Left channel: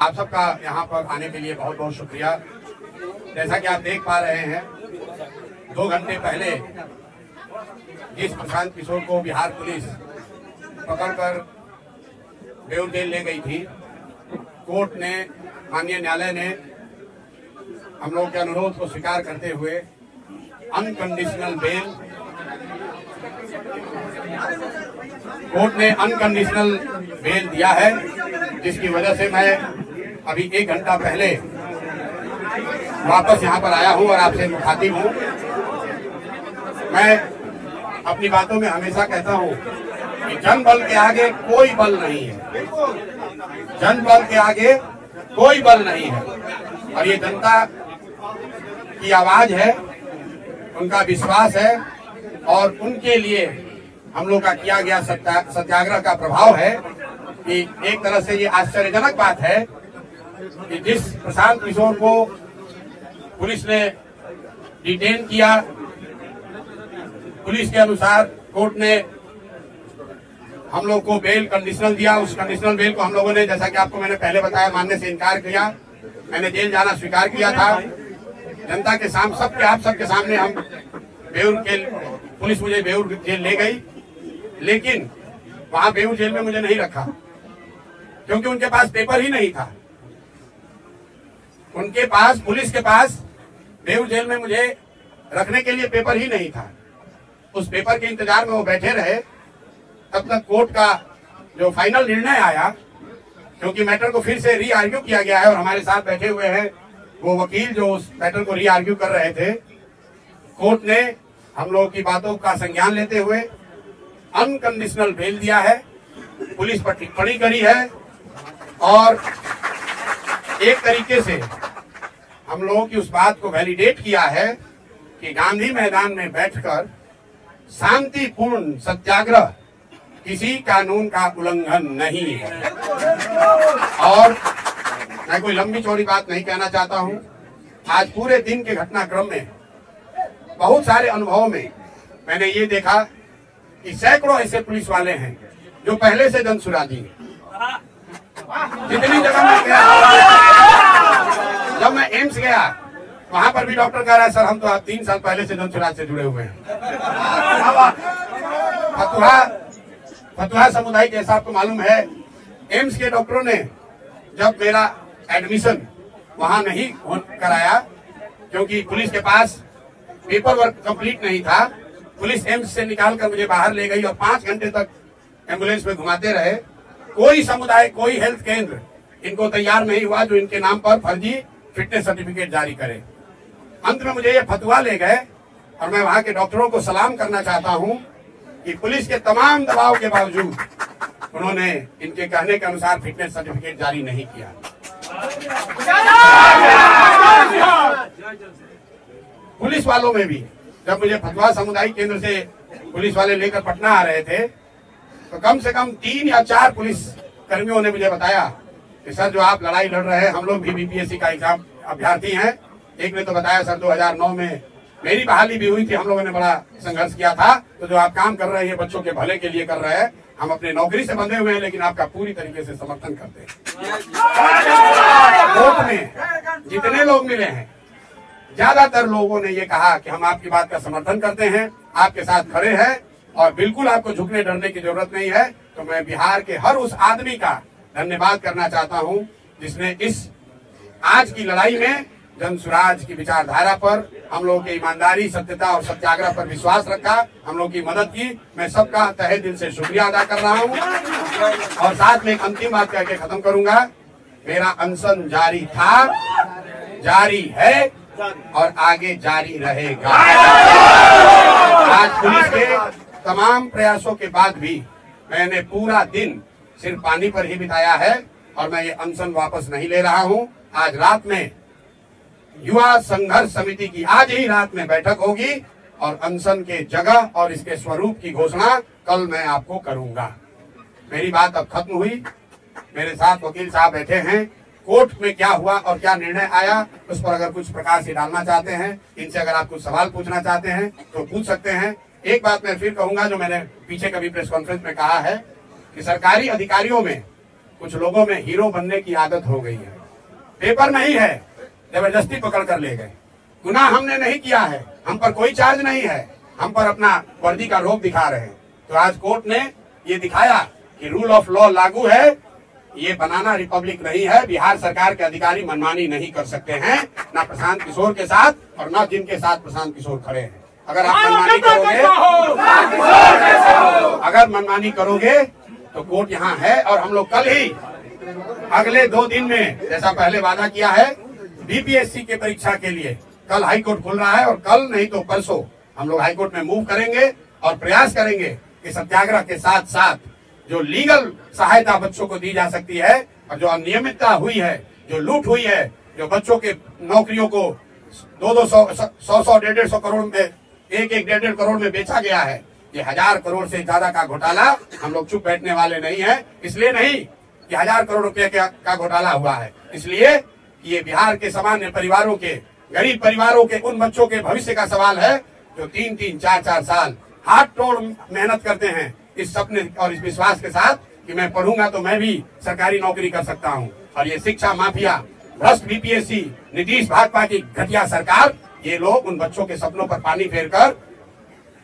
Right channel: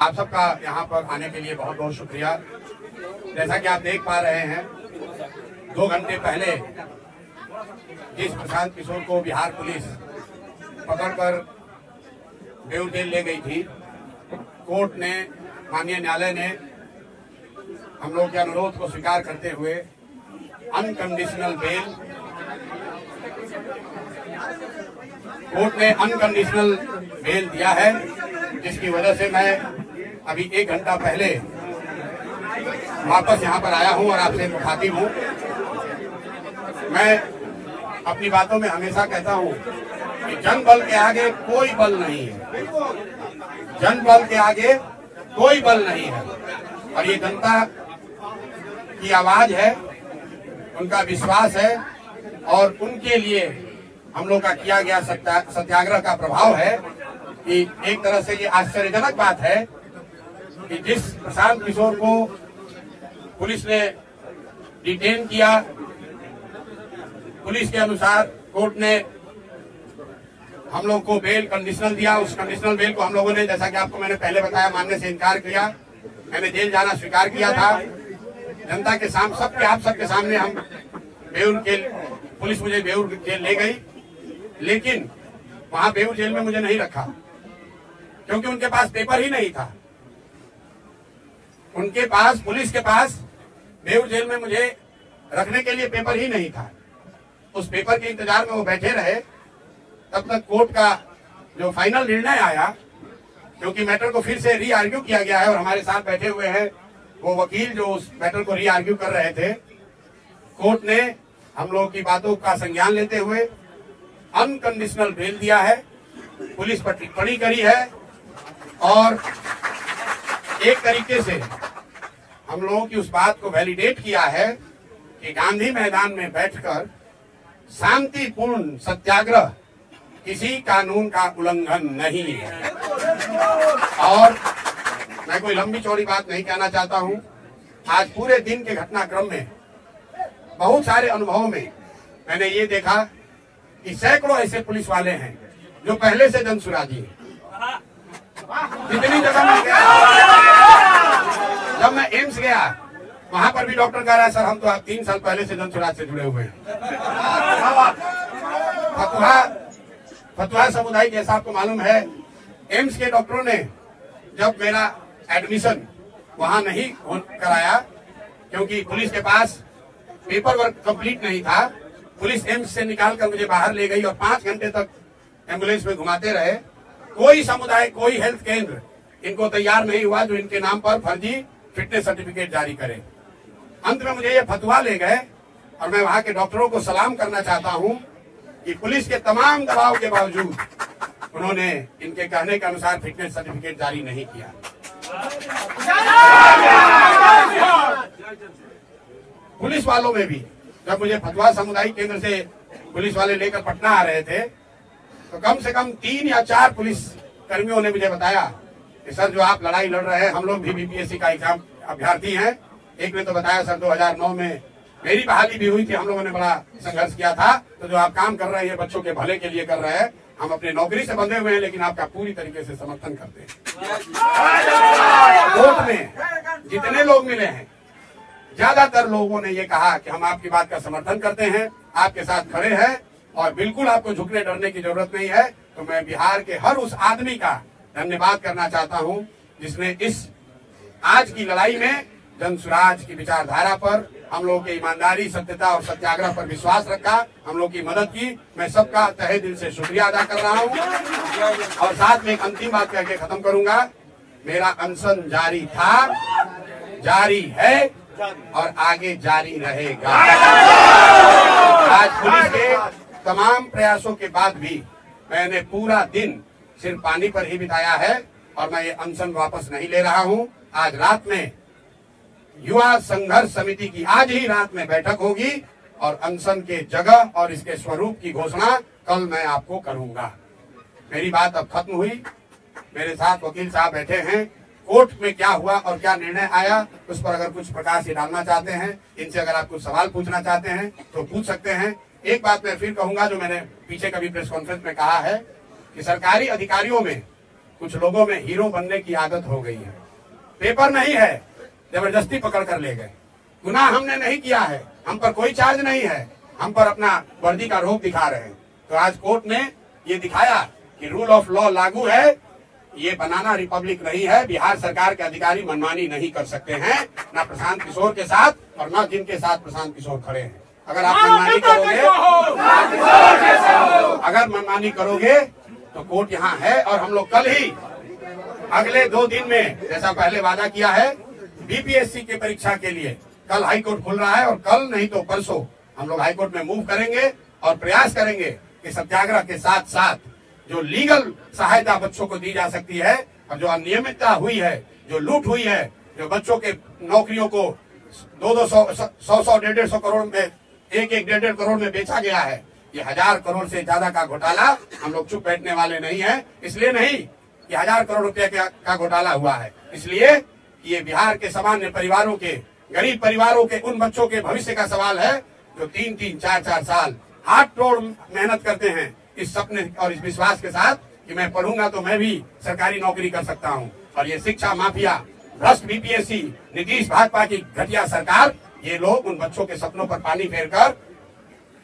आप सबका यहाँ पर आने के लिए बहुत बहुत शुक्रिया। जैसा कि आप देख पा रहे हैं, 2 घंटे पहले जिस प्रशांत किशोर को बिहार पुलिस पकड़कर बेऊर जेल ले गई थी, कोर्ट ने, माननीय न्यायालय ने हम लोगों के अनुरोध को स्वीकार करते हुए अनकंडीशनल बेल, कोर्ट ने अनकंडीशनल बेल दिया है, जिसकी वजह से मैं अभी 1 घंटा पहले वापस यहाँ पर आया हूँ और आपसे मुखातिब हूँ। मैं अपनी बातों में हमेशा कहता हूँ कि जन बल के आगे कोई बल नहीं है, जन बल के आगे कोई बल नहीं है। और ये जनता की आवाज है, उनका विश्वास है और उनके लिए हम लोग का किया गया सत्याग्रह का प्रभाव है कि एक तरह से ये आश्चर्यजनक बात है कि जिस प्रशांत किशोर को पुलिस ने डिटेन किया, पुलिस के अनुसार कोर्ट ने हम लोग को बेल कंडीशनल दिया, उस कंडीशनल बेल को हम लोगों ने, जैसा कि आपको मैंने पहले बताया, मानने से इनकार किया। मैंने जेल जाना स्वीकार किया था। जनता के सामने, आप सबके सामने हम बेऊर जेल, पुलिस मुझे बेऊर जेल ले गई, लेकिन वहां बेऊर जेल में मुझे नहीं रखा क्योंकि उनके पास पेपर ही नहीं था। उनके पास, पुलिस के पास बेऊर जेल में मुझे रखने के लिए पेपर ही नहीं था। उस पेपर के इंतजार में वो बैठे रहे तब तक कोर्ट का जो फाइनल निर्णय आया, क्योंकि मैटर को फिर से री आर्ग्यू किया गया है और हमारे साथ बैठे हुए हैं वो वकील जो उस मैटर को री आर्ग्यू कर रहे थे। कोर्ट ने हम लोगों की बातों का संज्ञान लेते हुए अनकंडीशनल बेल दिया है, पुलिस पर टिप्पणी करी है और एक तरीके से हम लोगों की उस बात को वैलिडेट किया है कि गांधी मैदान में बैठकर शांतिपूर्ण सत्याग्रह किसी कानून का उल्लंघन नहीं है। और मैं कोई लंबी चौड़ी बात नहीं कहना चाहता हूं। आज पूरे दिन के घटनाक्रम में बहुत सारे अनुभवों में मैंने ये देखा कि सैकड़ों ऐसे पुलिस वाले हैं जो पहले से जनसुराजी हैं। जितनी जगह मैं गया, जब मैं एम्स गया, वहां पर भी डॉक्टर कह रहा है, सर हम तो आप 3 साल पहले से जनसुराज से जुड़े हुए हैं। फतुहा समुदाय के ऐसा आपको मालूम है, एम्स के डॉक्टरों ने जब मेरा एडमिशन वहां नहीं कराया क्योंकि पुलिस के पास पेपर वर्क कंप्लीट नहीं था, पुलिस एम्स से निकालकर मुझे बाहर ले गई और 5 घंटे तक एम्बुलेंस में घुमाते रहे। कोई समुदाय, कोई हेल्थ केंद्र इनको तैयार नहीं हुआ जो इनके नाम पर फर्जी फिटनेस सर्टिफिकेट जारी करे। अंत में मुझे ये फतवा ले गए और मैं वहां के डॉक्टरों को सलाम करना चाहता हूं कि पुलिस के तमाम दबाव के बावजूद उन्होंने इनके कहने के अनुसार फिटनेस सर्टिफिकेट जारी नहीं किया। पुलिस वालों में भी जब मुझे फतवा सामुदायिक केंद्र से पुलिस वाले लेकर पटना आ रहे थे तो कम से कम 3 या 4 पुलिस कर्मियों ने मुझे बताया कि सर जो आप लड़ाई लड़ रहे हैं, हम लोग भी बीपीएससी का एग्जाम अभ्यर्थी हैं। एक ने तो बताया सर 2009 में मेरी बहाली भी हुई थी, हम लोगों ने बड़ा संघर्ष किया था, तो जो आप काम कर रहे हैं बच्चों के भले के लिए कर रहे हैं, हम अपने नौकरी से बंधे हुए हैं लेकिन आपका पूरी तरीके से समर्थन करते हैं। कोर्ट में जितने लोग मिले हैं, ज्यादातर लोगों ने ये कहा कि हम आपकी बात का समर्थन करते हैं, आपके साथ खड़े हैं और बिल्कुल आपको झुकने डरने की जरूरत नहीं है। तो मैं बिहार के हर उस आदमी का धन्यवाद करना चाहता हूं जिसने इस आज की लड़ाई में जनसुराज की विचारधारा पर, हम लोगों की ईमानदारी, सत्यता और सत्याग्रह पर विश्वास रखा, हम लोग की मदद की। मैं सबका तहे दिल से शुक्रिया अदा कर रहा हूं और साथ में एक अंतिम बात कह के खत्म करूंगा। मेरा अनशन जारी था, जारी है और आगे जारी रहेगा। आज पुलिस के तमाम प्रयासों के बाद भी मैंने पूरा दिन सिर्फ पानी पर ही बिताया है और मैं ये अनशन वापस नहीं ले रहा हूं। आज रात में युवा संघर्ष समिति की आज ही रात में बैठक होगी और अनशन के जगह और इसके स्वरूप की घोषणा कल मैं आपको करूंगा। मेरी बात अब खत्म हुई। मेरे साथ वकील साहब बैठे हैं। कोर्ट में क्या हुआ और क्या निर्णय आया उस पर अगर कुछ प्रकाश डालना चाहते हैं, इनसे अगर आप कुछ सवाल पूछना चाहते हैं तो पूछ सकते हैं। एक बात मैं फिर कहूंगा जो मैंने पीछे कभी प्रेस कॉन्फ्रेंस में कहा है कि सरकारी अधिकारियों में कुछ लोगों में हीरो बनने की आदत हो गई है। पेपर नहीं है, जबरदस्ती पकड़ कर ले गए। गुनाह हमने नहीं किया है, हम पर कोई चार्ज नहीं है, हम पर अपना वर्दी का रोब दिखा रहे हैं। तो आज कोर्ट ने ये दिखाया कि रूल ऑफ लॉ लागू है, ये बनाना रिपब्लिक नहीं है। बिहार सरकार के अधिकारी मनमानी नहीं कर सकते हैं, ना प्रशांत किशोर के साथ और ना जिनके साथ प्रशांत किशोर खड़े हैं। अगर आप मनमानी करोगे तो कोर्ट यहाँ है। और हम लोग कल ही अगले 2 दिन में, जैसा पहले वादा किया है, बीपीएससी के परीक्षा के लिए कल हाईकोर्ट खुल रहा है और कल नहीं तो परसों हम लोग हाईकोर्ट में मूव करेंगे और प्रयास करेंगे कि सत्याग्रह के साथ साथ जो लीगल सहायता बच्चों को दी जा सकती है और जो अनियमितता हुई है, जो लूट हुई है, जो बच्चों के नौकरियों को 100-150 करोड़ में 1-1.5 करोड़ में बेचा गया है, ये 1000 करोड़ से ज्यादा का घोटाला, हम लोग चुप बैठने वाले नहीं है। इसलिए नहीं कि 1000 करोड़ रुपए का घोटाला हुआ है, इसलिए कि ये बिहार के सामान्य परिवारों के, गरीब परिवारों के, उन बच्चों के भविष्य का सवाल है जो 3-3, 4-4 साल हाथ तोड़ मेहनत करते हैं इस सपने और इस विश्वास के साथ कि मैं पढ़ूंगा तो मैं भी सरकारी नौकरी कर सकता हूं। और ये शिक्षा माफिया, भ्रष्ट बीपीएससी, नीतीश भाजपा की घटिया सरकार, ये लोग उन बच्चों के सपनों पर पानी फेरकर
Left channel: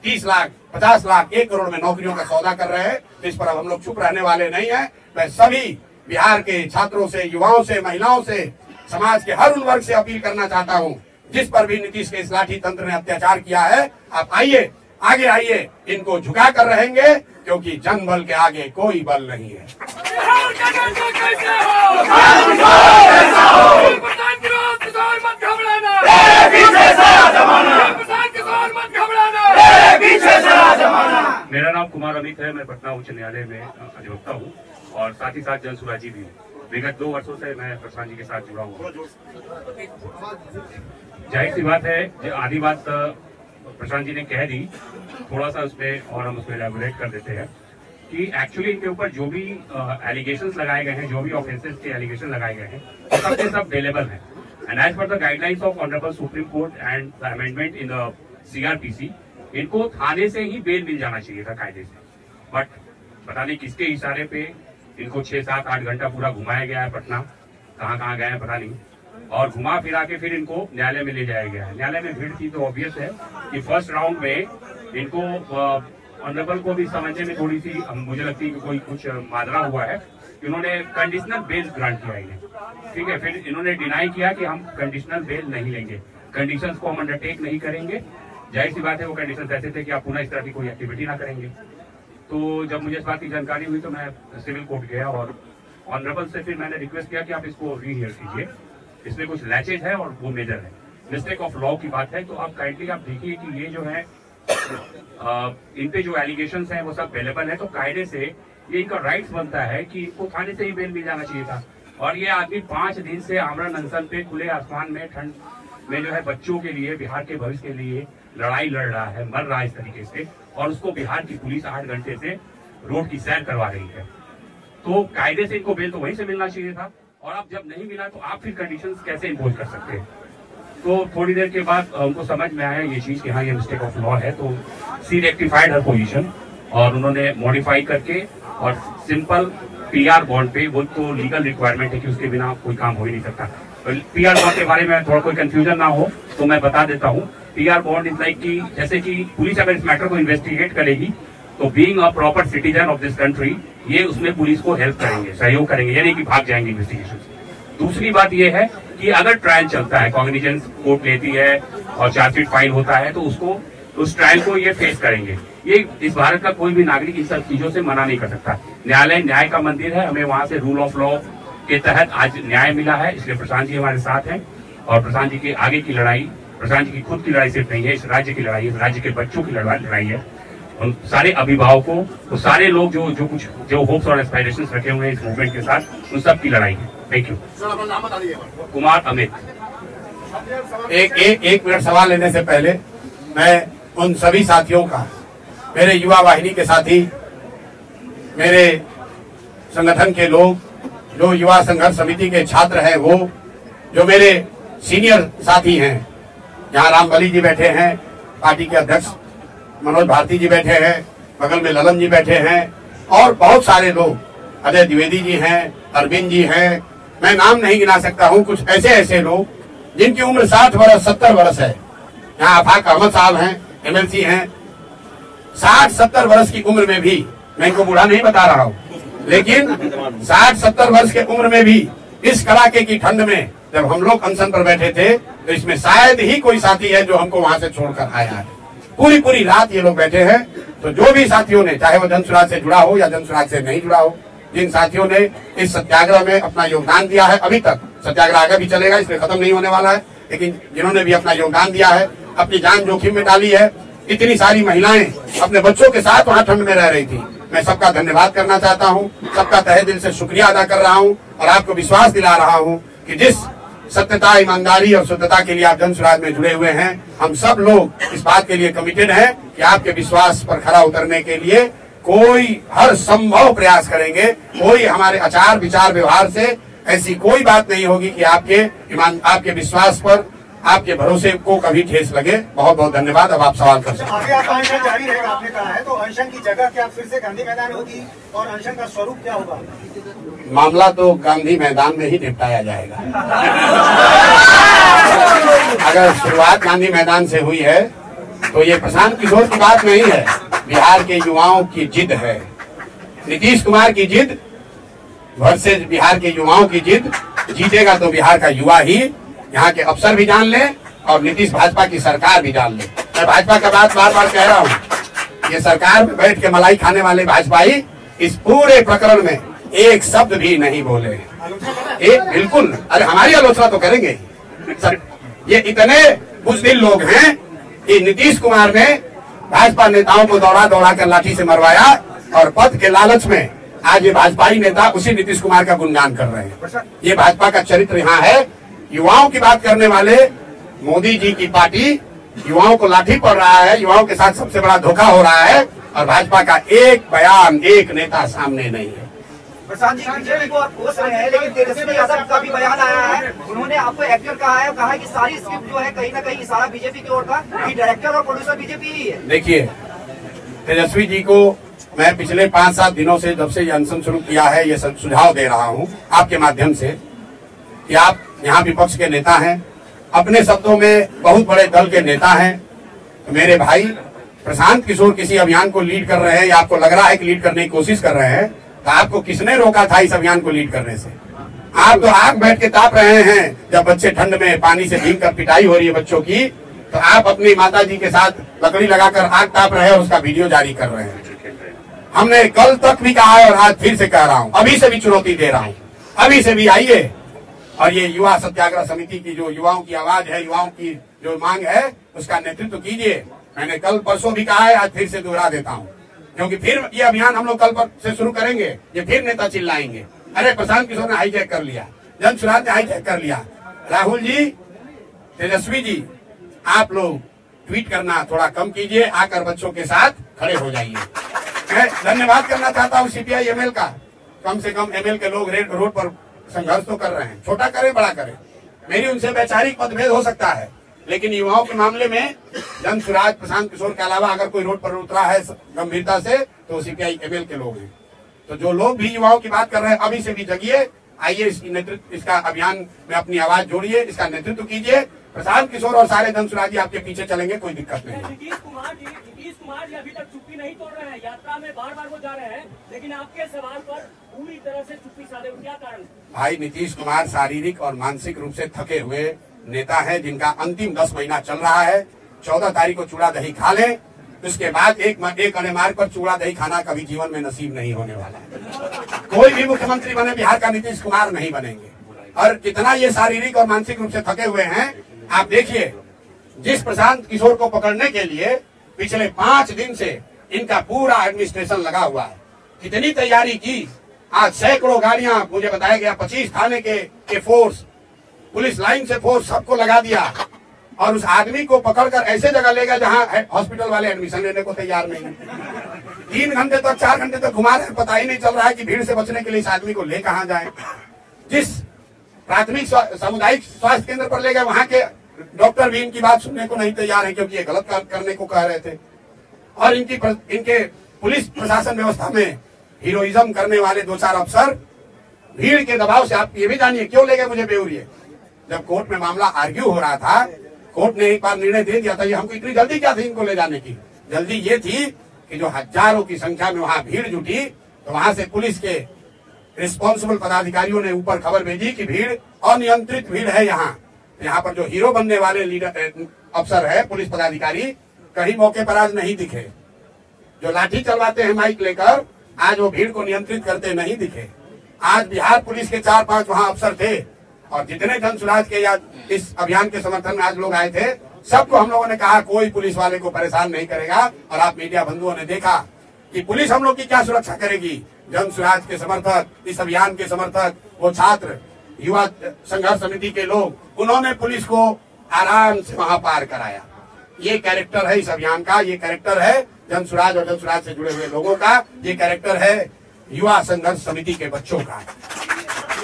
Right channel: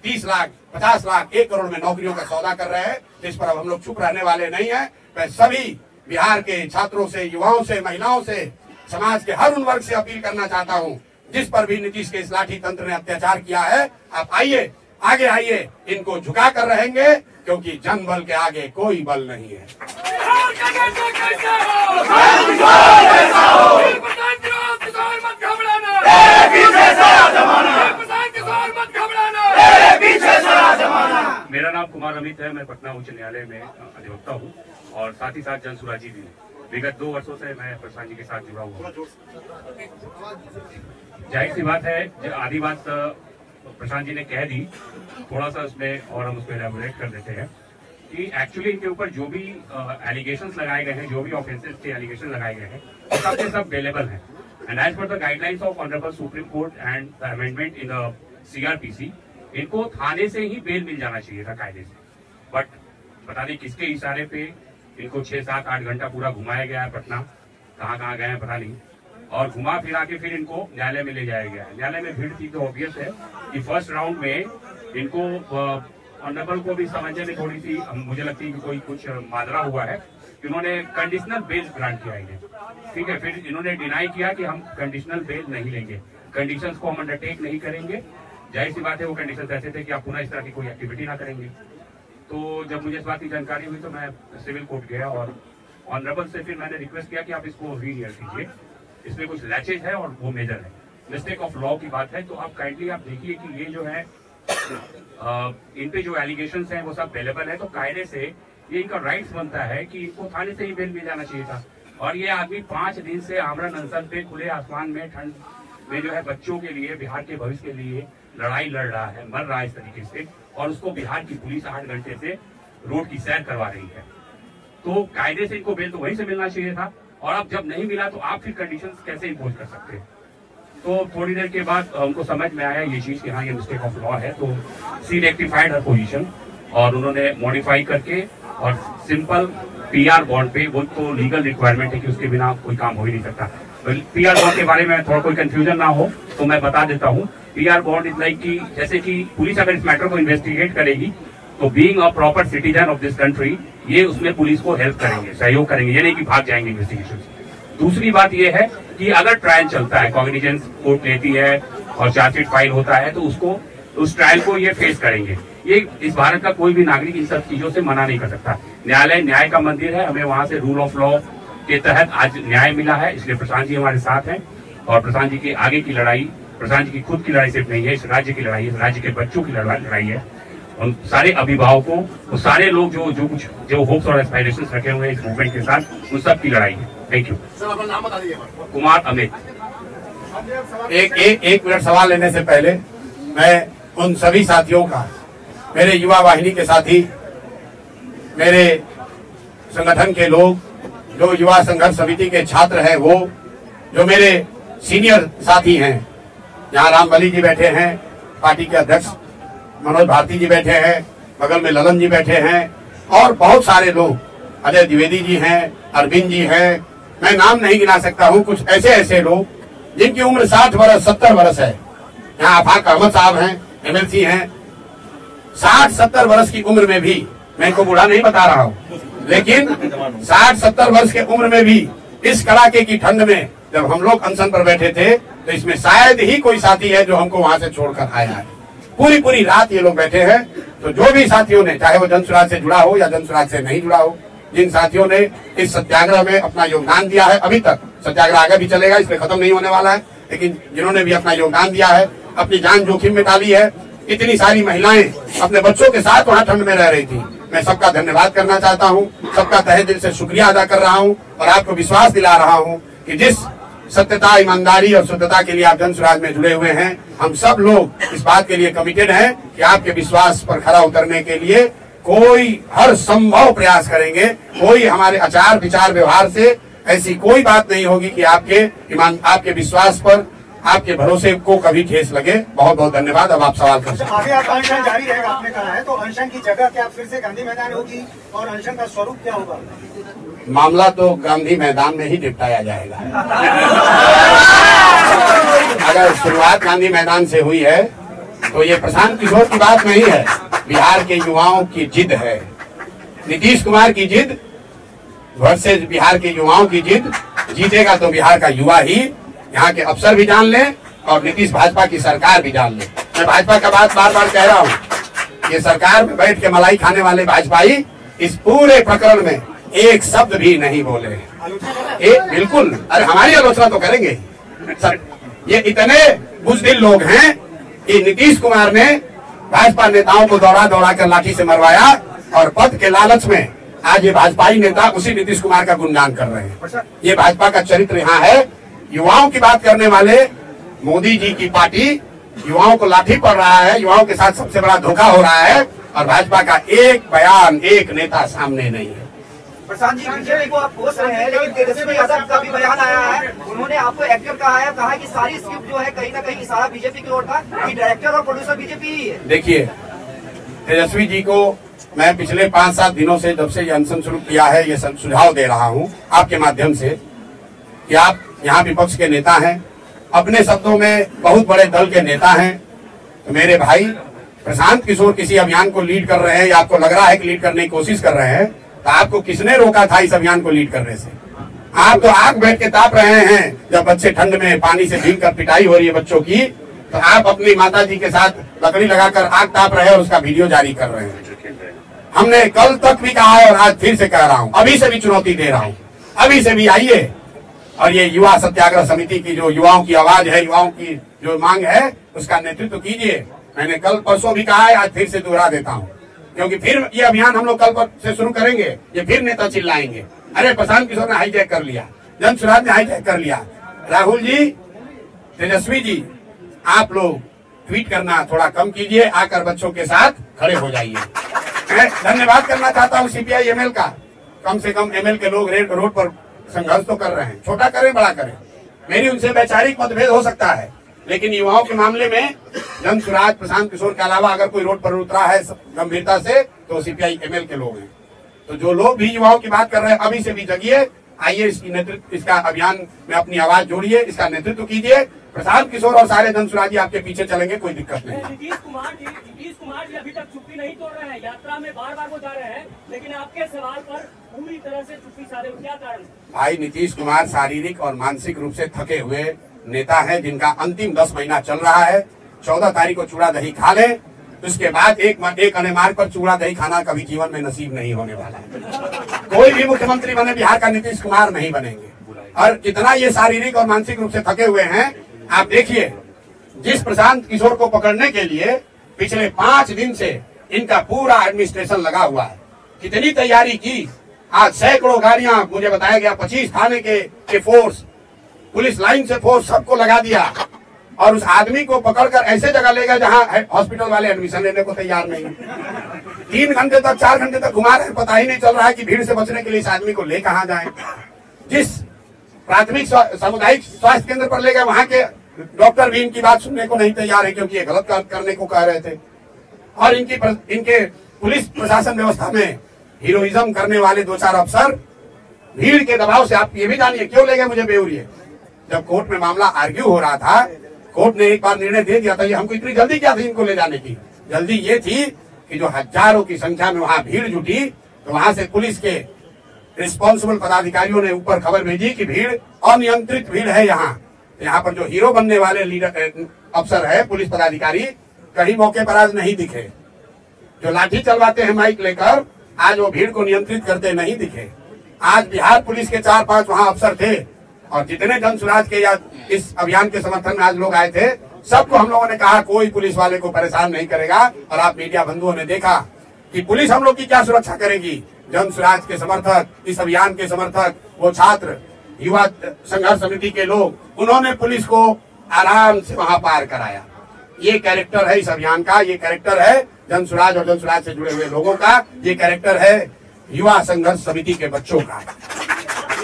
30 लाख, 50 लाख, 1 करोड़ में नौकरियों का सौदा कर रहे हैं, जिस पर अब हम लोग चुप रहने वाले नहीं है। मैं सभी बिहार के छात्रों से, युवाओं से, महिलाओं से, समाज के हर उन वर्ग से अपील करना चाहता हूं जिस पर भी नीतीश के इस लाठी तंत्र ने अत्याचार किया है, आप आइए, आगे आइए, इनको झुका कर रहेंगे क्योंकि जनबल के आगे कोई बल नहीं है। मेरा नाम कुमार अमित है, मैं पटना उच्च न्यायालय में अधिवक्ता हूँ और साथ ही साथ जनसुराजी भी हूँ। विगत 2 वर्षों से मैं प्रशांत जी के साथ जुड़ा हुआ। जाहिर सी बात है, आधी बात प्रशांत जी ने कह दी, थोड़ा सा उसमें और हम उसमें एलैबोरेट कर देते हैं कि एक्चुअली इनके ऊपर जो भी एलिगेशंस लगाए गए हैं, जो भी ऑफेंसेस के एलिगेशन लगाए गए हैं, सब के सब वेलेबल हैं। And as per the guidelines of honourable supreme court and the amendment in the CrPC, इनको थाने से ही बेल मिल जाना चाहिए था कायदे से। बट पता नहीं किसके इशारे पे इनको 6-7-8 घंटा पूरा घुमाया गया है पटना, कहाँ गए हैं पता नहीं, और घुमा फिरा के फिर इनको न्यायालय में ले जाया गया है। न्यायालय में भीड़ थी तो ऑब्वियस है कि फर्स्ट राउंड में इनको ऑनरेबल को भी समझने में थोड़ी सी मुझे लगती है कि कोई कुछ मादरा हुआ है। इन्होंने कंडीशनल बेल ग्रांट किया इन्हें, ठीक है। फिर इन्होंने डिनाई किया कि हम कंडीशनल बेल नहीं लेंगे, कंडीशंस को हम अंडरटेक नहीं करेंगे। जाहिर सी बात है वो कंडीशंस ऐसे थे कि आप पुनः इस तरह की कोई एक्टिविटी ना करेंगे। तो जब मुझे इस बात की जानकारी हुई तो मैं सिविल कोर्ट गया और ऑनरेबल से फिर मैंने रिक्वेस्ट किया कि आप इसको रीहियर कीजिए, इसमें कुछ लैचेज है और वो मेजर है, मिस्टेक ऑफ लॉ की बात है। तो आप काइंडली आप देखिए कि ये जो है इन पे जो एलिगेशंस हैं वो सब अवेलेबल है, तो कायदे से ये इनका राइट्स बनता है कि इनको थाने से ही बेल मिल जाना चाहिए था। और ये आदमी 5 दिन से आमरण अनशन पे खुले आसमान में ठंड में जो है बच्चों के लिए, बिहार के भविष्य के लिए लड़ाई लड़ रहा है, मर रहा है इस तरीके से, और उसको बिहार की पुलिस 8 घंटे से रोड की सैर करवा रही है। तो कायदे से इनको बेल तो वहीं से मिलना चाहिए था, और अब जब नहीं मिला तो आप फिर कंडीशंस कैसे इम्पोज कर सकते हैं। तो थोड़ी देर के बाद उनको समझ में आया ये चीज कि हाँ ये मिस्टेक ऑफ लॉ है, तो सी रेक्टिफाइड हर पोजीशन और उन्होंने मॉडिफाई करके और सिंपल पीआर बॉन्ड पे, वो तो लीगल रिक्वायरमेंट है कि उसके बिना कोई काम हो ही नहीं सकता। पीआर बॉन्ड के बारे में थोड़ा कोई कंफ्यूजन ना हो तो मैं बता देता हूँ। पीआर बॉन्ड इज लाइक कि जैसे कि पुलिस अगर इस मैटर को इन्वेस्टिगेट करेगी तो being a proper citizen of this country ये उसमें पुलिस को हेल्प करेंगे, सहयोग करेंगे, यानी कि भाग जाएंगे इन्वेस्टिगेशन। दूसरी बात यह है कि अगर ट्रायल चलता है, कॉग्निजेंस कोर्ट लेती है और चार्जशीट फाइल होता है तो उसको, उस ट्रायल को ये फेस करेंगे। ये इस भारत का कोई भी नागरिक इन सब चीजों से मना नहीं कर सकता। न्यायालय न्याय का मंदिर है, हमें वहां से रूल ऑफ लॉ के तहत आज न्याय मिला है, इसलिए प्रशांत जी हमारे साथ हैं। और प्रशांत जी की आगे की लड़ाई, प्रशांत जी की खुद की लड़ाई सिर्फ नहीं है, इस राज्य की लड़ाई है, इस राज्य के बच्चों की लड़ाई है। उन सारे अभिभावकों, वो सारे लोग जो होप्स और एस्पायरेशंस रखे हुए हैं इस मूवमेंट के साथ, उन सब की लड़ाई है। Thank you. कुमार अमित। एक मिनट सवाल लेने से पहले मैं उन सभी साथियों का, मेरे युवा वाहिनी के साथी, मेरे संगठन के लोग, जो युवा संघर्ष समिति के छात्र हैं, वो जो मेरे सीनियर साथी हैं, यहाँ रामबली जी बैठे हैं, पार्टी के अध्यक्ष मनोज भारती जी बैठे हैं, बगल में ललन जी बैठे हैं, और बहुत सारे लोग, अजय द्विवेदी जी हैं, अरविंद जी है, मैं नाम नहीं गिना सकता हूँ, कुछ ऐसे ऐसे लोग जिनकी उम्र 60 वर्ष 70 वर्ष है। यहाँ आफाक अहमद साहब हैं, MLC हैं, 60-70 वर्ष की उम्र में भी, मैं इनको बूढ़ा नहीं बता रहा हूँ, लेकिन 60-70 वर्ष के उम्र में भी इस कड़ाके की ठंड में जब हम लोग अनशन पर बैठे थे, तो इसमें शायद ही कोई साथी है जो हमको वहां से छोड़कर आया है। पूरी पूरी रात ये लोग बैठे हैं। तो जो भी साथियों ने, चाहे वो जनसुराज से जुड़ा हो या जनसुराज से नहीं जुड़ा हो, जिन साथियों ने इस सत्याग्रह में अपना योगदान दिया है, अभी तक सत्याग्रह आगे भी चलेगा, इसमें खत्म नहीं होने वाला है, लेकिन जिन्होंने भी अपना योगदान दिया है, अपनी जान जोखिम में डाली है, इतनी सारी महिलाएं अपने बच्चों के साथ वहां ठंड में रह रही थी, मैं सबका धन्यवाद करना चाहता हूं, सबका तहे दिल से शुक्रिया अदा कर रहा हूं और आपको विश्वास दिला रहा हूं कि जिस सत्यता, ईमानदारी और शुद्धता के लिए आप जनसुराज में जुड़े हुए हैं, हम सब लोग इस बात के लिए कमिटेड हैं कि आपके विश्वास पर खरा उतरने के लिए कोई हर संभव प्रयास करेंगे। कोई हमारे आचार विचार व्यवहार से ऐसी कोई बात नहीं होगी कि आपके विश्वास पर, आपके भरोसे को कभी ठेस लगे। बहुत बहुत धन्यवाद। अब आप सवाल कर सकते हैं। आगे आपका अनशन जारी रहेगा, आपने कहा है, तो अनशन की जगह क्या फिर से गांधी मैदान होगी और अनशन का स्वरूप क्या होगा? मामला तो गांधी मैदान में ही निपटाया जाएगा। अगर शुरुआत गांधी मैदान से हुई है तो ये प्रशांत किशोर की बात नहीं है, बिहार के युवाओं की जिद है, नीतीश कुमार की जिद वर्सेस बिहार के युवाओं की जिद। जीतेगा तो बिहार का युवा ही, यहाँ के अफसर भी जान ले और नीतीश भाजपा की सरकार भी जान ले। मैं भाजपा का बात बार बार कह रहा हूँ, ये सरकार में बैठ के मलाई खाने वाले भाजपाई इस पूरे प्रकरण में एक शब्द भी नहीं बोले। एक बिल्कुल, अरे हमारी आलोचना तो करेंगे सब। ये इतने बुज़दिल लोग हैं कि नीतीश कुमार ने भाजपा नेताओं को दौड़ा दौड़ा कर लाठी से मरवाया और पद के लालच में आज ये भाजपाई नेता उसी नीतीश कुमार का गुणगान कर रहे हैं। ये भाजपा का चरित्र यहाँ है। युवाओं की बात करने वाले मोदी जी की पार्टी युवाओं को लाठी पड़ रहा है, युवाओं के साथ सबसे बड़ा धोखा हो रहा है और भाजपा का एक बयान, एक नेता सामने नहीं है। प्रसाद जी, बीजेपी को आप कोस रहे हैं, लेकिन तेजस्वी यादव का भी बयान आया है, उन्होंने आपको एक्टर कहा है कि सारी स्क्रिप्ट जो है कहीं ना कहीं इशारा बीजेपी की ओर था कि डायरेक्टर और प्रोड्यूसर बीजेपी ही है। देखिए, तेजस्वी जी को मैं पिछले 5-7 दिनों से, जब से ये अनशन शुरू किया है, ये सुझाव दे रहा हूँ आपके माध्यम से कि आप यहाँ विपक्ष के नेता हैं, अपने शब्दों में बहुत बड़े दल के नेता हैं, तो मेरे भाई प्रशांत किशोर किसी अभियान को लीड कर रहे हैं या आपको लग रहा है कि लीड करने की कोशिश कर रहे हैं, तो आपको किसने रोका था इस अभियान को लीड करने से? आप तो आग बैठ के ताप रहे हैं। जब बच्चे ठंड में पानी से भीग कर पिटाई हो रही है बच्चों की, तो आप अपनी माता जी के साथ लकड़ी लगाकर आग ताप रहे हैं और उसका वीडियो जारी कर रहे हैं। हमने कल तक भी कहा है और आज फिर से कह रहा हूँ, अभी से भी चुनौती दे रहा हूँ, अभी से भी आइए और ये युवा सत्याग्रह समिति की जो युवाओं की आवाज है, युवाओं की जो मांग है, उसका नेतृत्व कीजिए। मैंने कल परसों भी कहा है, आज फिर से दोहरा देता हूँ, क्योंकि फिर ये अभियान हम लोग कल से शुरू करेंगे। ये फिर नेता चिल्लाएंगे, अरे प्रशांत किशोर ने हाईजैक कर लिया, जनसुराज ने हाईजैक कर लिया। राहुल जी, तेजस्वी जी, आप लोग ट्वीट करना थोड़ा कम कीजिए, आकर बच्चों के साथ खड़े हो जाइए। मैं धन्यवाद करना चाहता हूँ CPI ML का, कम से कम ML के लोग रोड पर संघर्ष तो कर रहे हैं, छोटा करें बड़ा करें, मेरी उनसे वैचारिक मतभेद हो सकता है, लेकिन युवाओं के मामले में जनसुराज, प्रशांत किशोर के अलावा अगर कोई रोड पर उतरा है गंभीरता से तो CPI ML के लोग हैं। तो जो लोग भी युवाओं की बात कर रहे हैं, अभी से भी जगिए, आइए इसका अभियान में अपनी आवाज जोड़िए, इसका नेतृत्व कीजिए। प्रशांत किशोर और सारे जनसुराजी आपके पीछे चलेंगे, कोई दिक्कत नहीं। नीतीश कुमार जी अभी तक चुप्पी नहीं तोड़ रहे हैं, यात्रा में बार बार वो जा रहे हैं, लेकिन आपके सवाल पर पूरी तरह से चुप्पी साधे, क्या कारण? भाई, नीतीश कुमार शारीरिक और मानसिक रूप से थके हुए नेता है, जिनका अंतिम 10 महीना चल रहा है। 14 तारीख को चूड़ा दही खा लें, उसके बाद एक अने मार्ग पर चूड़ा दही खाना कभी जीवन में नसीब नहीं होने वाला है। कोई भी मुख्यमंत्री बने बिहार का नीतीश कुमार नहीं बनेंगे। और जितना ये शारीरिक और मानसिक रूप से थके हुए हैं, आप देखिए, जिस प्रशांत किशोर को पकड़ने के लिए पिछले 5 दिन से इनका पूरा एडमिनिस्ट्रेशन लगा हुआ है, कितनी तैयारी की। आज सैकड़ों गाड़ियां, मुझे बताया गया 25 थाने के फोर्स, पुलिस लाइन से फोर्स, सबको लगा दिया और उस आदमी को पकड़कर ऐसे जगह ले गए जहां हॉस्पिटल वाले एडमिशन लेने को तैयार नहीं। 3 घंटे तक, 4 घंटे तक घुमा रहे, पता ही नहीं चल रहा है कि भीड़ से बचने के लिए इस आदमी को ले कहां जाए। जिस प्राथमिक सामुदायिक स्वास्थ्य केंद्र पर ले गए, वहां के डॉक्टर भी इनकी बात सुनने को नहीं तैयार है, क्योंकि ये गलत काम करने को कह रहे थे। और इनके पुलिस प्रशासन व्यवस्था में हीरोइज्म करने वाले 2-4 अफसर भीड़ के दबाव से आप ये भी जानिए क्यों ले गए मुझे बेउरिए। जब कोर्ट में मामला आर्ग्यू हो रहा था, कोर्ट ने एक बार निर्णय दे दिया था। ये हमको इतनी जल्दी क्या थी इनको ले जाने की? जल्दी ये थी कि जो हजारों की संख्या में वहां भीड़ जुटी, तो वहां से पुलिस के रिस्पॉन्सिबल पदाधिकारियों ने ऊपर खबर भेजी कि भीड़ अनियंत्रित भीड़ है। यहाँ पर जो हीरो बनने वाले लीडर अफसर है, पुलिस पदाधिकारी, कहीं मौके पर आज नहीं दिखे। जो लाठी चलवाते हैं माइक लेकर, आज वो भीड़ को नियंत्रित करते नहीं दिखे। आज बिहार पुलिस के 4-5 वहां अफसर थे, और जितने जन सुराज के या इस अभियान के समर्थन में आज लोग आए थे, सबको हम लोगों ने कहा कोई पुलिस वाले को परेशान नहीं करेगा। और आप मीडिया बंधुओं ने देखा कि पुलिस हम लोग की क्या सुरक्षा करेगी। जन सुराज के समर्थक, इस अभियान के समर्थक, वो छात्र, युवा संघर्ष समिति के लोग, उन्होंने पुलिस को आराम से वहां पार कराया। ये कैरेक्टर है इस अभियान का, ये कैरेक्टर है जन सुराज और जन सुराज से जुड़े हुए लोगों का, ये कैरेक्टर है युवा संघर्ष समिति के बच्चों का।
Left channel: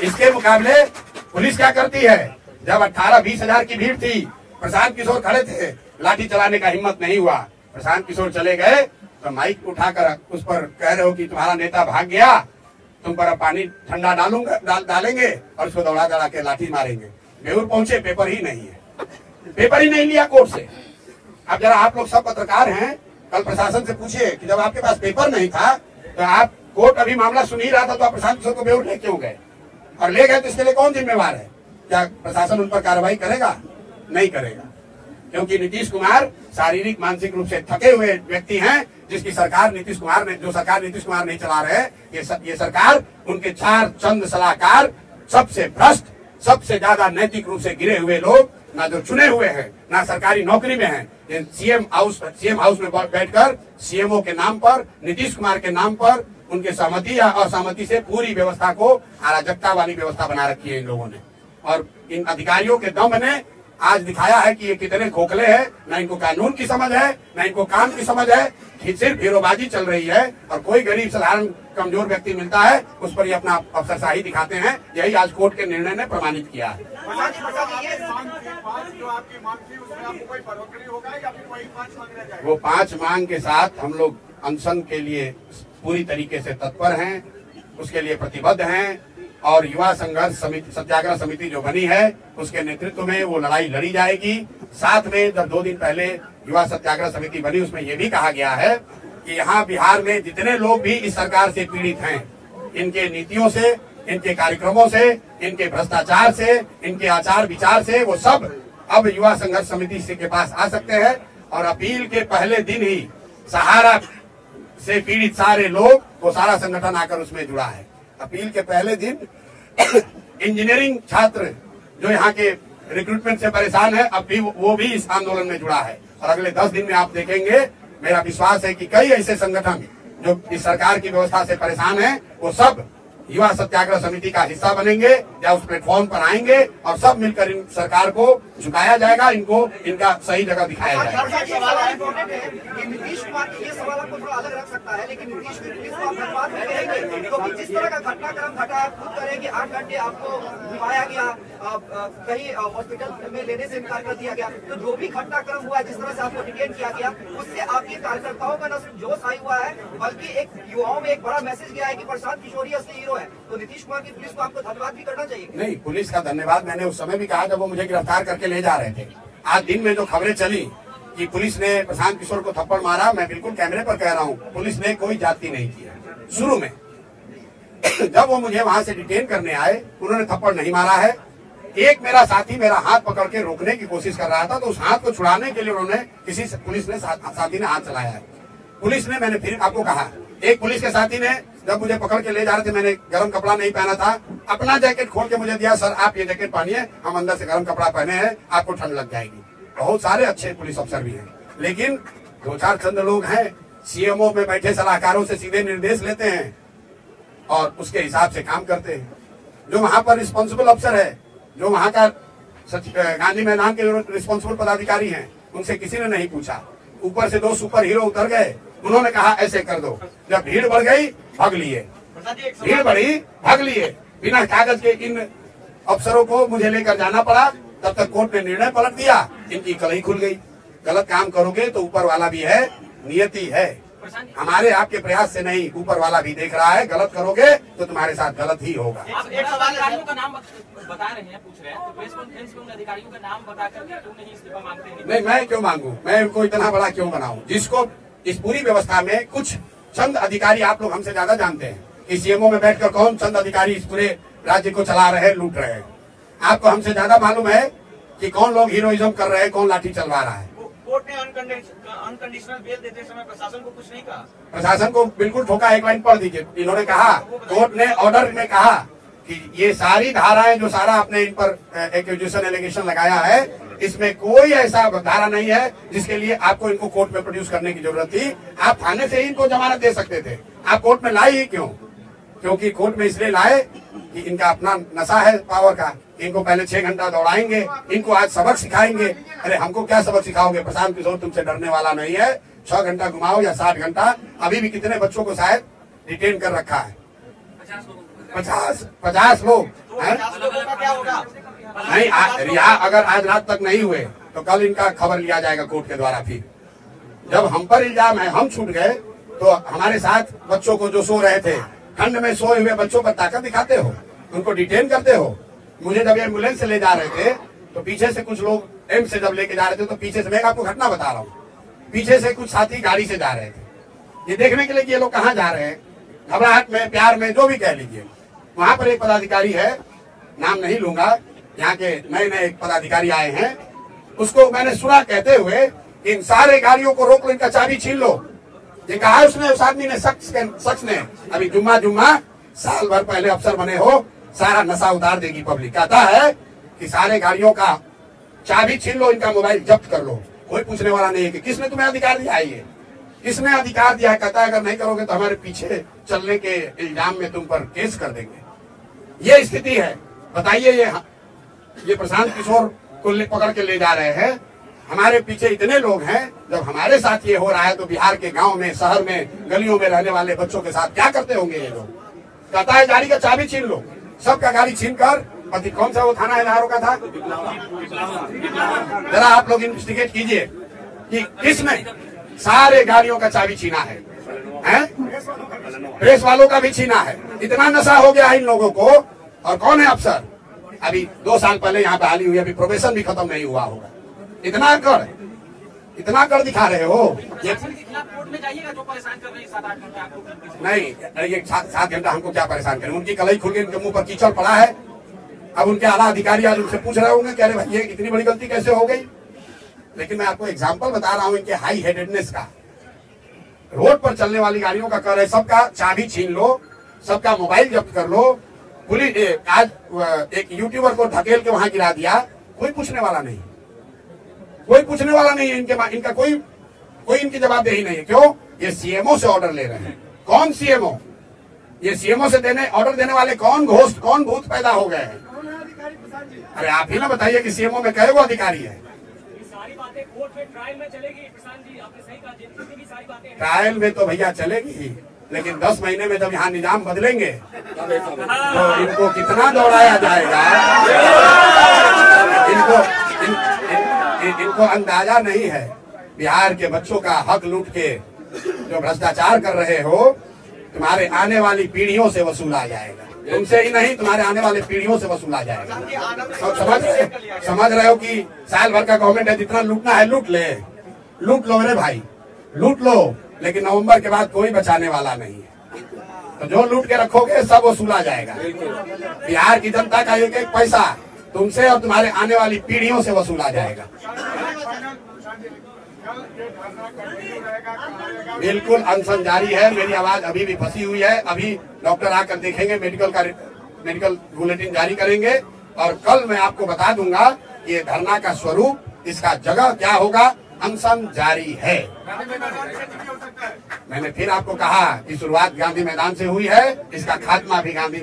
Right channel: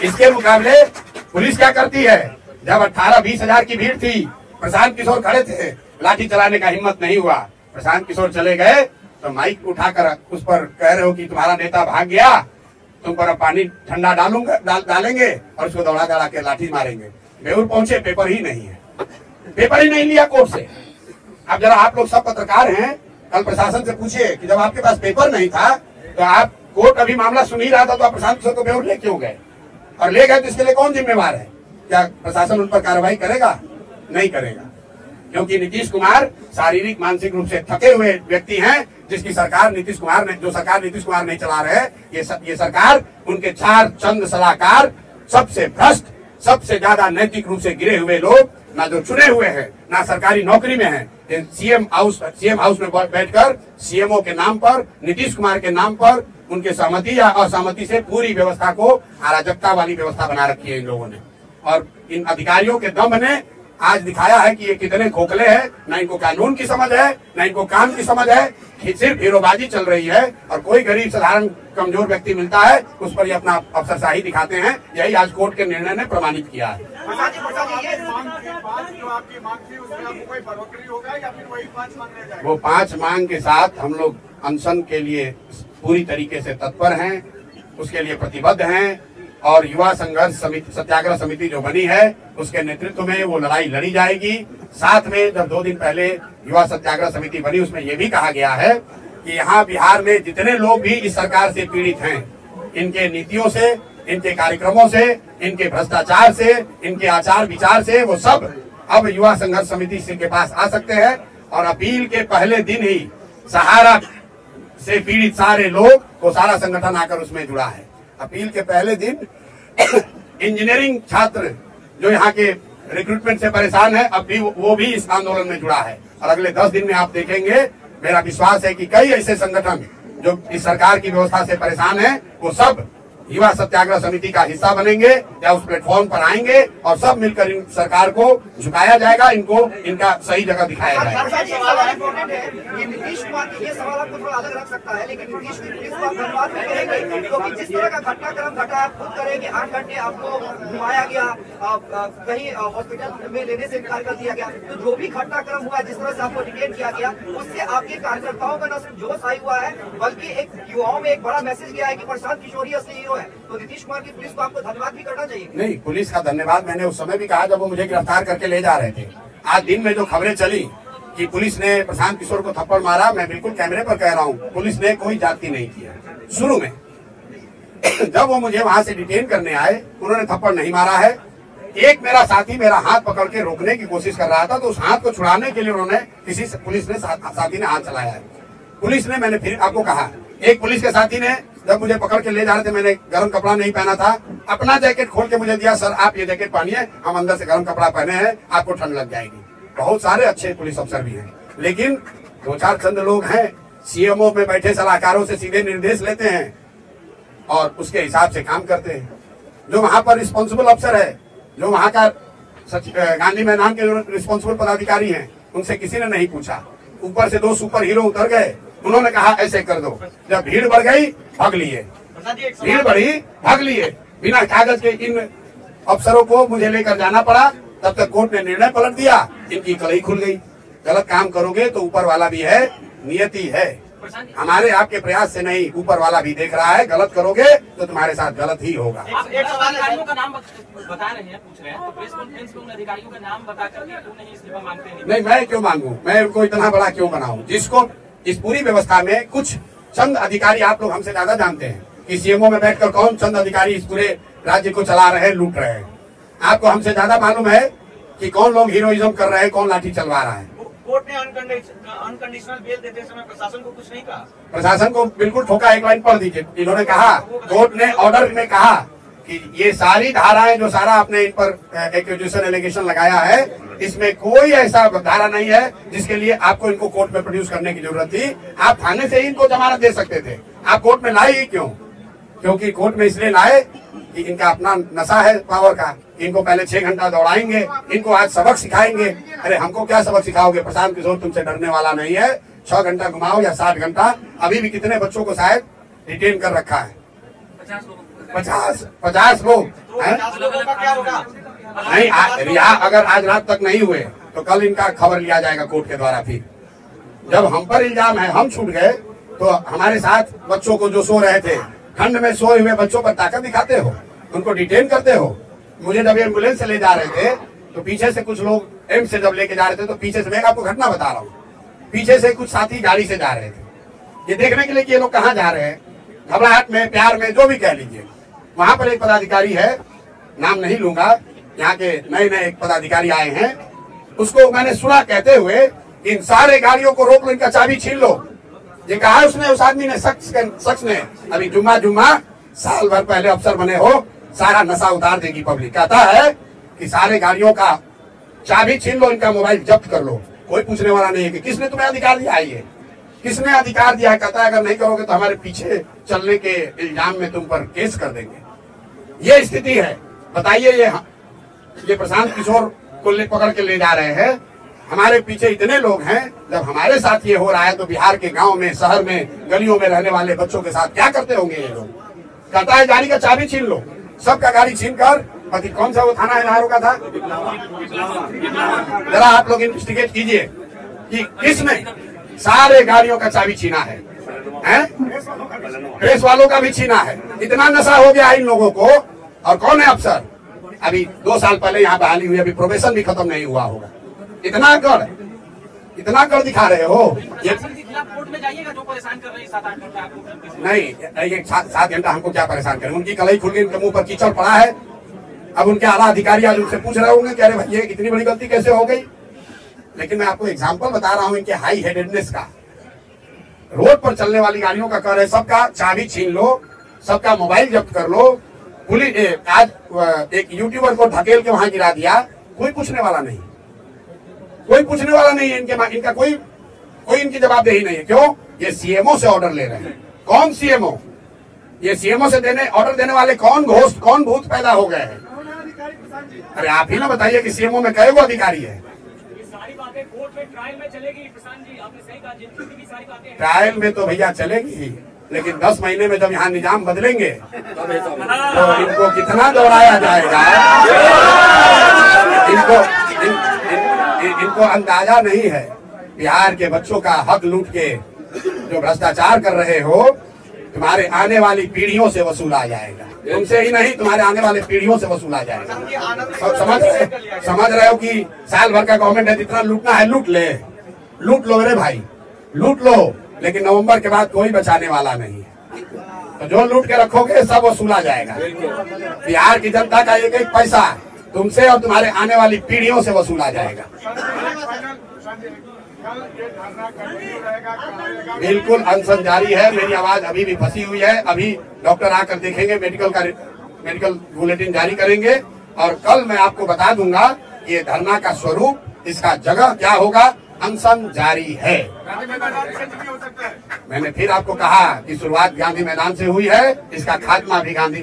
इसके मुकाबले पुलिस क्या करती है? जब 18-20 हजार की भीड़ थी, प्रशांत किशोर खड़े थे, लाठी चलाने का हिम्मत नहीं हुआ। प्रशांत किशोर चले गए तो माइक उठाकर उस पर कह रहे हो कि तुम्हारा नेता भाग गया, तुम पर अब पानी ठंडा डालेंगे और उसको दौड़ा दौड़ा के लाठी मारेंगे। बेउर पहुंचे, पेपर ही नहीं है, पेपर ही नहीं लिया कोर्ट से। अब जरा आप लोग सब पत्रकार हैं, कल प्रशासन से पूछिए कि जब आपके पास पेपर नहीं था तो आप, कोर्ट अभी मामला सुन ही रहा था, तो आप प्रशांत किशोर को बेउर ले क्यों गए? और ले गए तो इसके लिए कौन जिम्मेवार है? क्या प्रशासन उन पर कार्रवाई करेगा? नहीं करेगा, क्योंकि नीतीश कुमार शारीरिक मानसिक रूप से थके हुए व्यक्ति हैं, जिसकी सरकार नीतीश कुमार ने, जो सरकार नीतीश कुमार नहीं चला रहे, ये सरकार, उनके 4 चंद सलाहकार, सबसे भ्रष्ट, सबसे ज्यादा नैतिक रूप से गिरे हुए लोग, ना जो चुने हुए हैं, ना सरकारी नौकरी में है, सीएम हाउस में बैठकर सीएमओ के नाम पर, नीतीश कुमार के नाम पर, उनके सहमति या असहमति से पूरी व्यवस्था को अराजकता वाली व्यवस्था बना रखी है इन लोगों ने। और इन अधिकारियों के दम ने आज दिखाया है कि ये कितने खोखले हैं, ना इनको कानून की समझ है, ना इनको काम की समझ है, सिर्फ हीरोबाजी चल रही है। और कोई गरीब साधारण कमजोर व्यक्ति मिलता है, उस पर ये अपना अफसरशाही दिखाते हैं। यही आज कोर्ट के निर्णय ने प्रमाणित किया है। वो 5 मांग के साथ हम लोग अनशन के लिए पूरी तरीके से तत्पर हैं, उसके लिए प्रतिबद्ध हैं। और युवा संघर्ष समिति, सत्याग्रह समिति जो बनी है, उसके नेतृत्व में वो लड़ाई लड़ी जाएगी। साथ में जब 2 दिन पहले युवा सत्याग्रह समिति बनी, उसमें ये भी कहा गया है कि यहाँ बिहार में जितने लोग भी इस सरकार से पीड़ित हैं, इनके नीतियों से, इनके कार्यक्रमों से, इनके भ्रष्टाचार से, इनके आचार विचार से, वो सब अब युवा संघर्ष समिति के पास आ सकते हैं। और अपील के पहले दिन ही सहारा से पीड़ित सारे लोग, वो सारा संगठन आकर उसमें जुड़ा है। अपील के पहले दिन इंजीनियरिंग छात्र जो यहाँ के रिक्रूटमेंट से परेशान है, अब भी वो भी इस आंदोलन में जुड़ा है। और अगले 10 दिन में आप देखेंगे, मेरा विश्वास है कि कई ऐसे संगठन जो इस सरकार की व्यवस्था से परेशान है, वो सब युवा सत्याग्रह समिति का हिस्सा बनेंगे या उस प्लेटफॉर्म पर आएंगे, और सब मिलकर इन सरकार को झुकाया जाएगा, इनको इनका सही जगह दिखाया जाएगा। नीतीश कुमार की ये सवाल आपको थोड़ा अलग रख सकता है, लेकिन नीतीश की पुलिस को आप धन्यवाद भी करेंगे, क्योंकि जिस तरह का घटनाक्रम घटा है, खुद करें कि 8 घंटे आपको घुमाया गया, कहीं हॉस्पिटल में लेने से इनकार कर दिया गया। तो जो भी घटनाक्रम हुआ, जिस तरह से आपको डिटेन किया गया, उससे आपके कार्यकर्ताओं में न सिर्फ जोश आई हुआ है, बल्कि एक युवाओं में एक बड़ा मैसेज गया है कि प्रशांत किशोर ही असली हीरो है। तो नीतीश कुमार की पुलिस को आपको धन्यवाद भी करना चाहिए। नहीं, पुलिस का धन्यवाद मैंने उस समय भी कहा जब वो मुझे गिरफ्तार करके ले जा रहे थे। आज दिन में जो खबरें चली कि पुलिस ने प्रशांत किशोर को थप्पड़ मारा, मैं बिल्कुल कैमरे पर कह रहा हूँ, पुलिस ने कोई जाति नहीं किया। शुरू में जब वो मुझे वहां से डिटेन करने आए, उन्होंने थप्पड़ नहीं मारा है। एक मेरा साथी मेरा हाथ पकड़ के रोकने की कोशिश कर रहा था, तो उस हाथ को छुड़ाने के लिए उन्होंने पुलिस ने साथी ने हाथ चलाया है। पुलिस ने, मैंने फिर आपको कहा, एक पुलिस के साथी ने जब मुझे पकड़ के ले जा रहे थे, मैंने गर्म कपड़ा नहीं पहना था, अपना जैकेट खोल के मुझे दिया, सर आप ये जैकेट पहनिए, हम अंदर से गर्म कपड़ा पहने हैं, आपको ठंड लग जाएगी। बहुत सारे अच्छे पुलिस अफसर भी हैं, लेकिन 2-4 चंद लोग हैं, सीएमओ में बैठे सलाहकारों से सीधे निर्देश लेते हैं और उसके हिसाब से काम करते हैं। जो वहां पर रिस्पॉन्सिबल अफसर है, जो वहां का गांधी मैदान के रिस्पॉन्सिबल पदाधिकारी हैं, उनसे किसी ने नहीं पूछा। ऊपर से 2 सुपर हीरो उतर गए, उन्होंने कहा ऐसे कर दो। जब भीड़ बढ़ गई, भाग लिए, भीड़ बढ़ी, भाग लिए। बिना कागज के इन अफसरों को मुझे लेकर जाना पड़ा। तब तक कोर्ट ने निर्णय पलट दिया, इनकी कलई खुल गई। गलत काम करोगे तो ऊपर वाला भी है, नियति है, हमारे आपके प्रयास से नहीं, ऊपर वाला भी देख रहा है। गलत करोगे तो तुम्हारे साथ गलत ही होगा। आप एक अधिकारियों का नाम बता रहे हैं, पूछ रहे हैं, तो प्रेस कॉन्फ्रेंस में उन अधिकारियों का नाम बता करके क्यों नहीं इस्तीफा मांगते हैं? नहीं, मैं क्यों मांगू? मैं उनको इतना बड़ा क्यों बनाऊं? जिसको इस पूरी व्यवस्था में कुछ चंद अधिकारी, आप लोग हमसे ज्यादा जानते हैं कि सीएमओ में बैठकर कौन चंद अधिकारी इस पूरे राज्य को चला रहे हैं, लूट रहे हैं। आपको हमसे ज्यादा मालूम है कि कौन लोग हीरोइज्म कर रहे हैं, कौन लाठी चलवा रहा है। कोर्ट ने अनकंडीशनल बेल देते समय प्रशासन को कुछ नहीं कहा? प्रशासन को बिल्कुल ठोका। एक लाइन पढ़ दीजिए। इन्होंने कहा, कोर्ट ने ऑर्डर में कहा कि ये सारी धाराएं जो सारा आपने इन पर एक्यूजेशन एलिगेशन लगाया है, इसमें कोई ऐसा धारा नहीं है जिसके लिए आपको इनको कोर्ट में प्रोड्यूस करने की जरूरत थी। आप थाने से ही इनको जमानत दे सकते थे। आप कोर्ट में लाए ही क्यों? क्योंकि कोर्ट में इसलिए लाए कि इनका अपना नशा है पावर का। इनको पहले 6 घंटा दौड़ाएंगे, इनको आज सबक सिखाएंगे। अरे हमको क्या सबक सिखाओगे? प्रशांत किशोर तुमसे डरने वाला नहीं है। 6 घंटा घुमाओ या 7 घंटा। अभी भी कितने बच्चों को शायद डिटेन कर रखा है? 50 लोग हैं। नहीं, रिहा अगर आज रात तक नहीं हुए तो कल इनका खबर लिया जाएगा कोर्ट के द्वारा। फिर जब हम पर इल्जाम है, हम छूट गए, तो हमारे साथ बच्चों को जो सो रहे थे, ठंड में सोए हुए बच्चों पर ताकत दिखाते हो, उनको डिटेन करते हो। मुझे जब एम्बुलेंस से ले जा रहे थे तो पीछे से कुछ लोग एम्स से जब लेके जा रहे थे तो पीछे से, मैं आपको घटना बता रहा हूँ, पीछे से कुछ साथी गाड़ी से जा रहे थे ये देखने के लिए कि ये लोग कहाँ जा रहे हैं। घबराहट में, प्यार में, जो भी कह लीजिए। वहां पर एक पदाधिकारी है, नाम नहीं लूंगा, यहाँ के नए नए एक पदाधिकारी आए हैं। उसको मैंने सुना कहते हुए, इन सारे गाड़ियों को रोक लो, इनका चाबी छीन लो। ये कहा उसने, उस आदमी ने, शख्स ने। अभी जुम्मा साल भर पहले अफसर बने हो, सारा नशा उतार देगी पब्लिक। कहता है कि सारे गाड़ियों का चाबी छीन लो, इनका मोबाइल जब्त कर लो। कोई पूछने वाला नहीं है कि किसने तुम्हें अधिकार दिया है, किसने अधिकार दिया है। कहता है अगर नहीं करोगे तो हमारे पीछे चलने के इल्जाम में तुम पर केस कर देंगे। ये स्थिति है। बताइए, ये प्रशांत किशोर को पकड़ के ले जा रहे हैं, हमारे पीछे इतने लोग हैं। जब हमारे साथ ये हो रहा है तो बिहार के गांव में, शहर में, गलियों में रहने वाले बच्चों के साथ क्या करते होंगे ये लोग। कहता है गाड़ी का चाबी छीन लो, सबका गाड़ी छीन कर, पति कौन सा वो थाना है नारों का था, जरा आप लोग इन्वेस्टिगेट कीजिए कि किसने सारे गाड़ियों का चाबी छीना है, प्रेस वालों का भी छीना है। इतना नशा हो गया इन लोगों को। और कौन है अफसर? अभी 2 साल पहले यहाँ बहाली हुई, अभी प्रोबेशन भी खत्म नहीं हुआ होगा। इतना कर दिखा रहे हो। ये कोर्ट में जाइएगा, जो परेशान कर रहे हैं 7-8 घंटा आपको। नहीं, ये 7 घंटा हमको क्या परेशान करें? उनकी कलाई खुल गई, उनके मुंह पर कीचड़ पड़ा है। अब उनके आला अधिकारी आज उनसे पूछ रहे होंगे कि अरे भाई ये इतनी बड़ी गलती कैसे हो गई। लेकिन मैं आपको एग्जाम्पल बता रहा हूँ इनके हाई हेडेडनेस का। रोड पर चलने वाली गाड़ियों का कर है, सबका चाबी छीन लो, सबका मोबाइल जब्त कर लो। पुलिस आज एक यूट्यूबर को ढकेल के वहां गिरा दिया, कोई पूछने वाला नहीं, कोई पूछने वाला नहीं है। इनका कोई इनकी जवाबदेही नहीं है। क्यों? ये सीएमओ से ऑर्डर ले रहे हैं। कौन सीएमओ? ये सीएमओ से ऑर्डर देने वाले कौन घोस्ट, कौन भूत पैदा हो गए हैं? अरे आप ही ना बताइए कि सीएमओ में कई अधिकारी है। ये सारी बातें कोर्ट में ट्रायल में चलेगी प्रशांत जी, आपने सही कहा। जितनी भी सारी बातें ट्रायल में तो भैया चलेगी, लेकिन 10 महीने में जब यहाँ निजाम बदलेंगे तो इनको कितना दौड़ाया जाएगा। इनको अंदाजा नहीं है। बिहार के बच्चों का हक लूट के जो भ्रष्टाचार कर रहे हो, तुम्हारे आने वाली पीढ़ियों से वसूला जाएगा। तुमसे ही नहीं, तुम्हारे आने वाले पीढ़ियों से वसूला जाएगा। समझ रहे हो कि साल भर का गवर्नमेंट है, जितना लूटना है लूट लो मेरे भाई, लूट लो। लेकिन नवंबर के बाद कोई बचाने वाला नहीं है। तो जो लूट के रखोगे सब वसूला जाएगा। बिहार की जनता का एक एक पैसा तुमसे और तुम्हारे आने वाली पीढ़ियों से वसूला जाएगा। बिल्कुल अनशन जारी है। मेरी आवाज अभी भी फंसी हुई है। अभी डॉक्टर आकर देखेंगे, मेडिकल बुलेटिन जारी करेंगे और कल मैं आपको बता दूंगा ये धरना का स्वरूप, इसका जगह क्या होगा। अनशन जारी है। मैंने फिर आपको कहा कि शुरुआत गांधी मैदान से हुई है, इसका खात्मा भी गांधी